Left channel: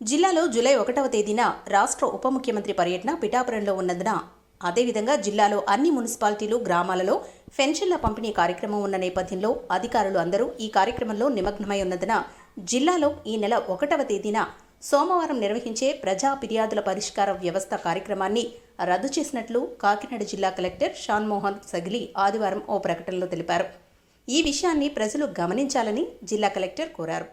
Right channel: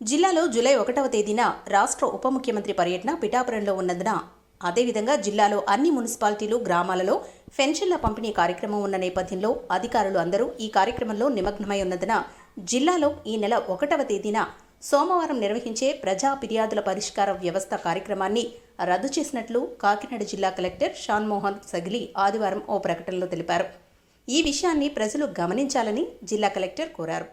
జిల్లాలో జూలై ఒకటవ తేదీన రాష్ట్ర ఉప ముఖ్యమంత్రి పర్యటన పిఠాపురంలో ఉన్నందున. అదేవిధంగా జిల్లాలో అన్ని మున్సిపాలిటీలు గ్రామాలలో పెన్షన్ల పంపిణీ కార్యక్రమం ఉన్న నేపథ్యంలో అధికారులు అందరూ ఈ కార్యక్రమంలో నిమగ్నమై ఉన్నందున జిల్లాలో ఈ నెల ఒకటవ తేదీన సోమవారం నిర్వహించే ప్రజా ఫిర్యాదుల పరిష్కార వ్యవస్థ కార్యక్రమాన్ని రద్దు చేసినట్లు కాకినాడ జిల్లా కలెక్టర్ షాన్మోహన్ సగిలి ఆదివారం ఓ ప్రకటనలో తెలిపారు. ఈ విషయాన్ని ప్రజలు గమనించాలని జిల్లా కలెక్టర్ కోరారు.